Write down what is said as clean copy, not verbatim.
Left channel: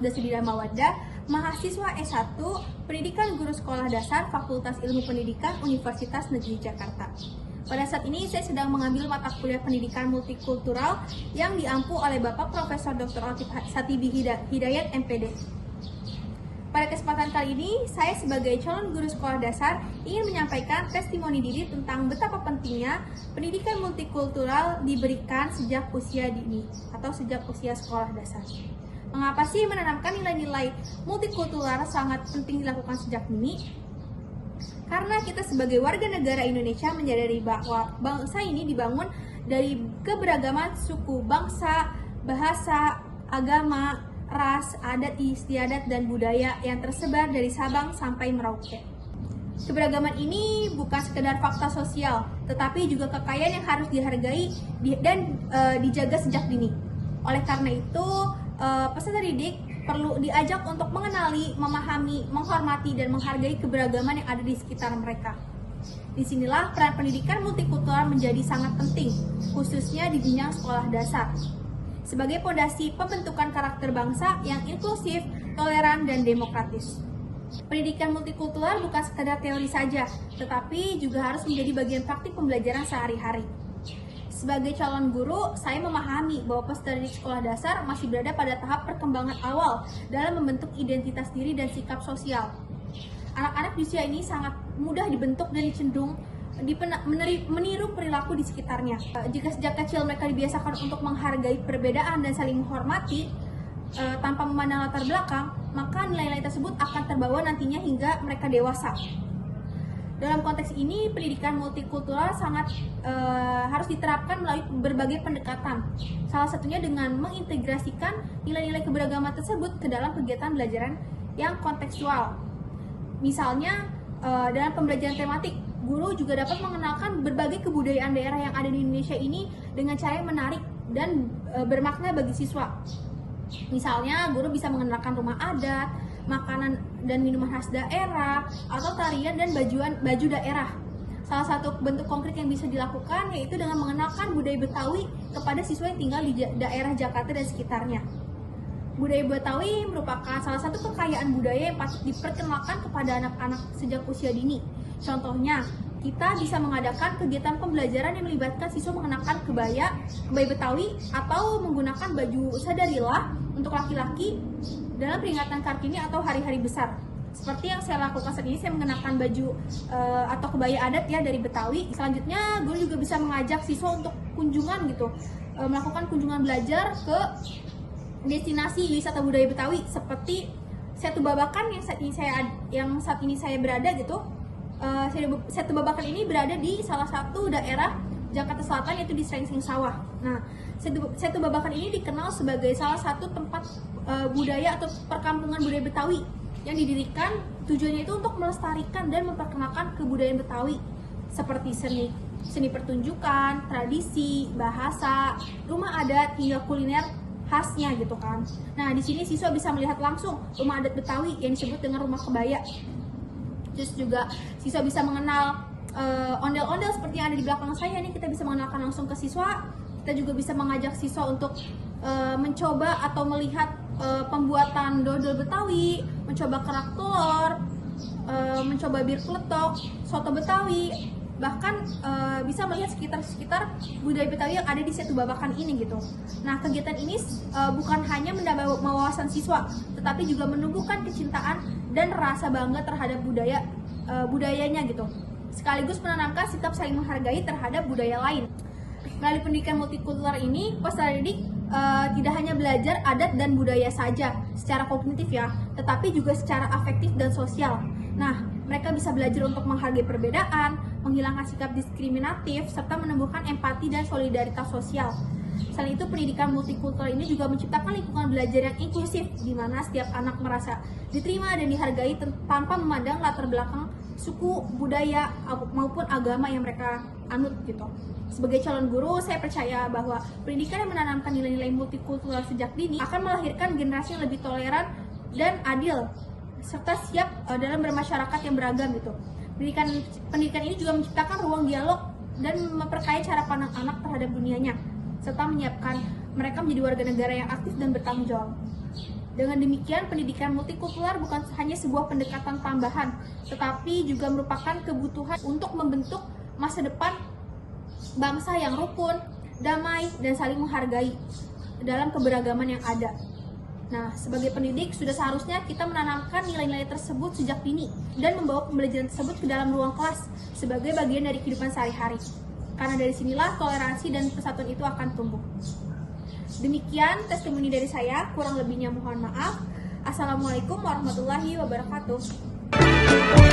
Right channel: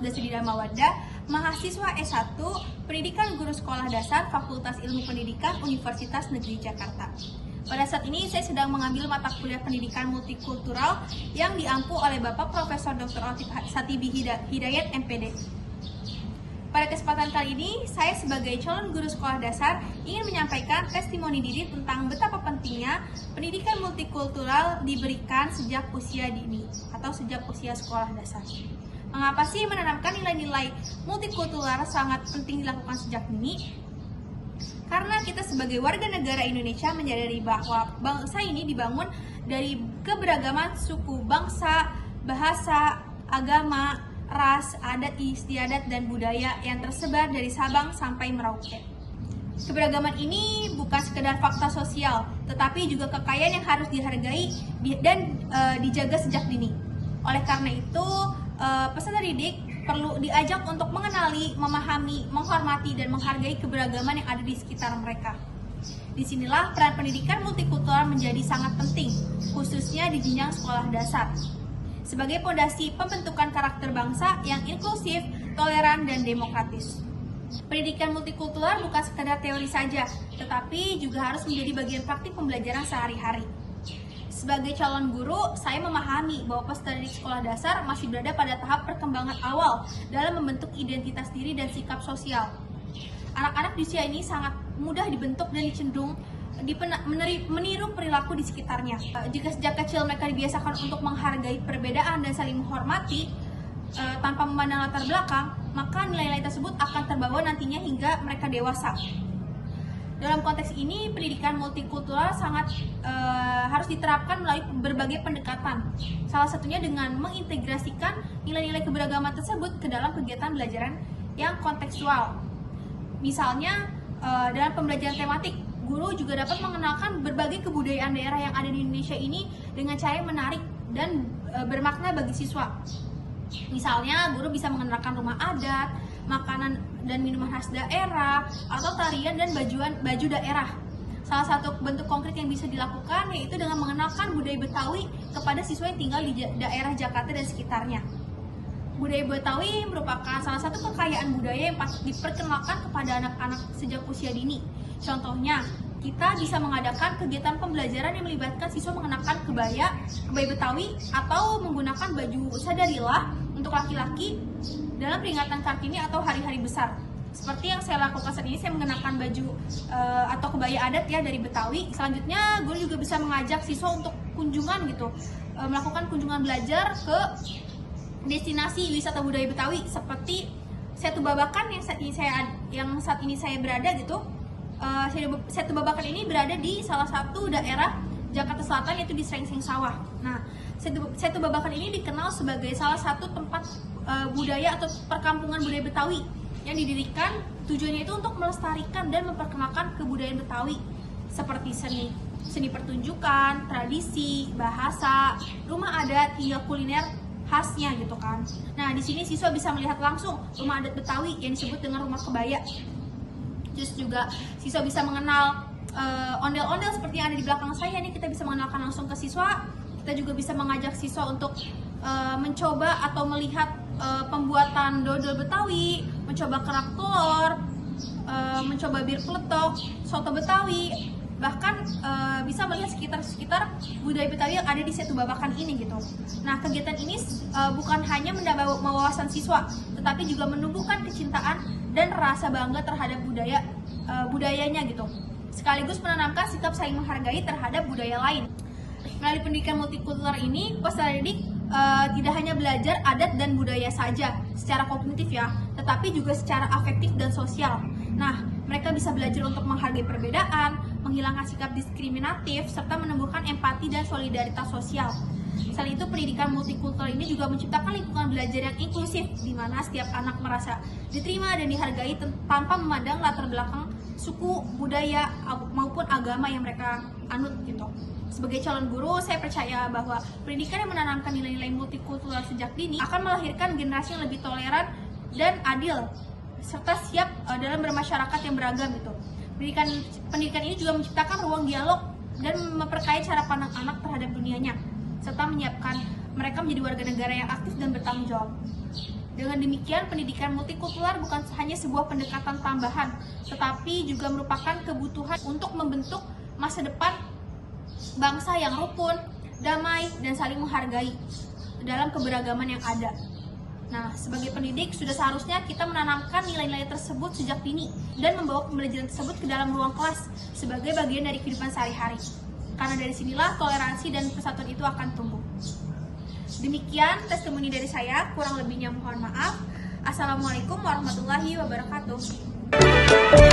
Abdasidina Mawaddah, mahasiswa S1 Pendidikan Guru Sekolah Dasar Fakultas Ilmu Pendidikan Universitas Negeri Jakarta. Pada saat ini saya sedang mengambil mata kuliah pendidikan multikultural yang diampu oleh Bapak Profesor Dr. Latif Satibi Hidayat MPD. Pada kesempatan kali ini, saya sebagai calon guru sekolah dasar ingin menyampaikan testimoni diri tentang betapa pentingnya pendidikan multikultural diberikan sejak usia dini atau sejak usia sekolah dasar. Mengapa sih menanamkan nilai-nilai multikultural sangat penting dilakukan sejak dini? Karena kita sebagai warga negara Indonesia menyadari bahwa bangsa ini dibangun dari keberagaman suku, bangsa, bahasa, agama, ras, adat istiadat, dan budaya yang tersebar dari Sabang sampai Merauke. Keberagaman ini bukan sekedar fakta sosial, tetapi juga kekayaan yang harus dihargai dan dijaga sejak dini. Oleh karena itu, peserta didik perlu diajak untuk mengenali, memahami, menghormati, dan menghargai keberagaman yang ada di sekitar mereka. Disinilah peran pendidikan multikultural menjadi sangat penting, khususnya di jenjang sekolah dasar, sebagai fondasi pembentukan karakter bangsa yang inklusif, toleran, dan demokratis. Pendidikan multikultural bukan sekadar teori saja, tetapi juga harus menjadi bagian praktik pembelajaran sehari-hari. Sebagai calon guru, saya memahami bahwa peserta didik sekolah dasar masih berada pada tahap perkembangan awal dalam membentuk identitas diri dan sikap sosial. Anak-anak di usia ini sangat mudah dibentuk dan cenderung meniru perilaku di sekitarnya. Jika sejak kecil mereka dibiasakan untuk menghargai perbedaan dan saling menghormati tanpa memandang latar belakang, maka nilai-nilai tersebut akan terbawa nantinya hingga mereka dewasa. Dalam konteks ini, pendidikan multikultural sangat harus diterapkan melalui berbagai pendekatan. Salah satunya dengan mengintegrasikan nilai-nilai keberagaman tersebut ke dalam kegiatan belajaran yang kontekstual. Misalnya, dalam pembelajaran tematik, guru juga dapat mengenalkan berbagai kebudayaan daerah yang ada di Indonesia ini dengan cara yang menarik dan bermakna bagi siswa. Misalnya, guru bisa mengenalkan rumah adat, makanan dan minuman khas daerah, atau tarian dan baju daerah. Salah satu bentuk konkret yang bisa dilakukan yaitu dengan mengenalkan budaya Betawi kepada siswa yang tinggal di daerah Jakarta dan sekitarnya. Budaya Betawi merupakan salah satu kekayaan budaya yang patut diperkenalkan kepada anak-anak sejak usia dini. Contohnya, kita bisa mengadakan kegiatan pembelajaran yang melibatkan siswa mengenakan kebaya Betawi atau menggunakan baju sadarilah untuk laki-laki dalam peringatan Kartini atau hari-hari besar. Seperti yang saya lakukan saat ini, saya mengenakan baju atau kebaya adat ya dari Betawi. Selanjutnya, guru juga bisa mengajak siswa untuk kunjungan gitu, melakukan kunjungan belajar ke destinasi wisata budaya Betawi seperti Setu Babakan yang saat ini saya berada gitu. Setu Babakan ini berada di salah satu daerah Jakarta Selatan, yaitu di Srengseng Sawah. Nah, Setu Babakan ini dikenal sebagai salah satu tempat budaya atau perkampungan budaya Betawi yang didirikan tujuannya itu untuk melestarikan dan memperkenalkan kebudayaan Betawi seperti seni pertunjukan, tradisi, bahasa, rumah adat, hingga kuliner khasnya gitu kan. Nah, di sini siswa bisa melihat langsung rumah adat Betawi yang disebut dengan rumah kebaya. Terus juga siswa bisa mengenal ondel-ondel seperti yang ada di belakang saya nih, kita bisa mengenalkan langsung ke siswa. Kita juga bisa mengajak siswa untuk mencoba atau melihat pembuatan dodol Betawi, mencoba kerak telur, mencoba bir kletok, soto Betawi, bahkan bisa melihat sekitar budaya Betawi yang ada di Setu Babakan ini gitu. Nah, kegiatan ini bukan hanya menambah wawasan siswa, tetapi juga menumbuhkan kecintaan dan rasa bangga terhadap budayanya gitu. Sekaligus menanamkan sikap saling menghargai terhadap budaya lain. Melalui pendidikan multikultural ini, peserta didik tidak hanya belajar adat dan budaya saja secara kognitif ya, tetapi juga secara afektif dan sosial. Nah, mereka bisa belajar untuk menghargai perbedaan, menghilangkan sikap diskriminatif, serta menumbuhkan empati dan solidaritas sosial. Selain itu, pendidikan multikultural ini juga menciptakan lingkungan belajar yang inklusif, di mana setiap anak merasa diterima dan dihargai tanpa memandang latar belakang suku, budaya, maupun agama yang mereka anut gitu. Sebagai calon guru, saya percaya bahwa pendidikan yang menanamkan nilai-nilai multikultural sejak dini akan melahirkan generasi yang lebih toleran dan adil, serta siap dalam bermasyarakat yang beragam gitu. Pendidikan ini juga menciptakan ruang dialog dan memperkaya cara pandang anak terhadap dunianya, serta menyiapkan mereka menjadi warga negara yang aktif dan bertanggung jawab. Dengan demikian, pendidikan multikultural bukan hanya sebuah pendekatan tambahan, tetapi juga merupakan kebutuhan untuk membentuk masa depan bangsa yang rukun, damai, dan saling menghargai dalam keberagaman yang ada. Nah, sebagai pendidik, sudah seharusnya kita menanamkan nilai-nilai tersebut sejak dini dan membawa pembelajaran tersebut ke dalam ruang kelas sebagai bagian dari kehidupan sehari-hari. Karena dari sinilah toleransi dan persatuan itu akan tumbuh. Demikian testimoni dari saya, kurang lebihnya mohon maaf. Assalamualaikum warahmatullahi wabarakatuh.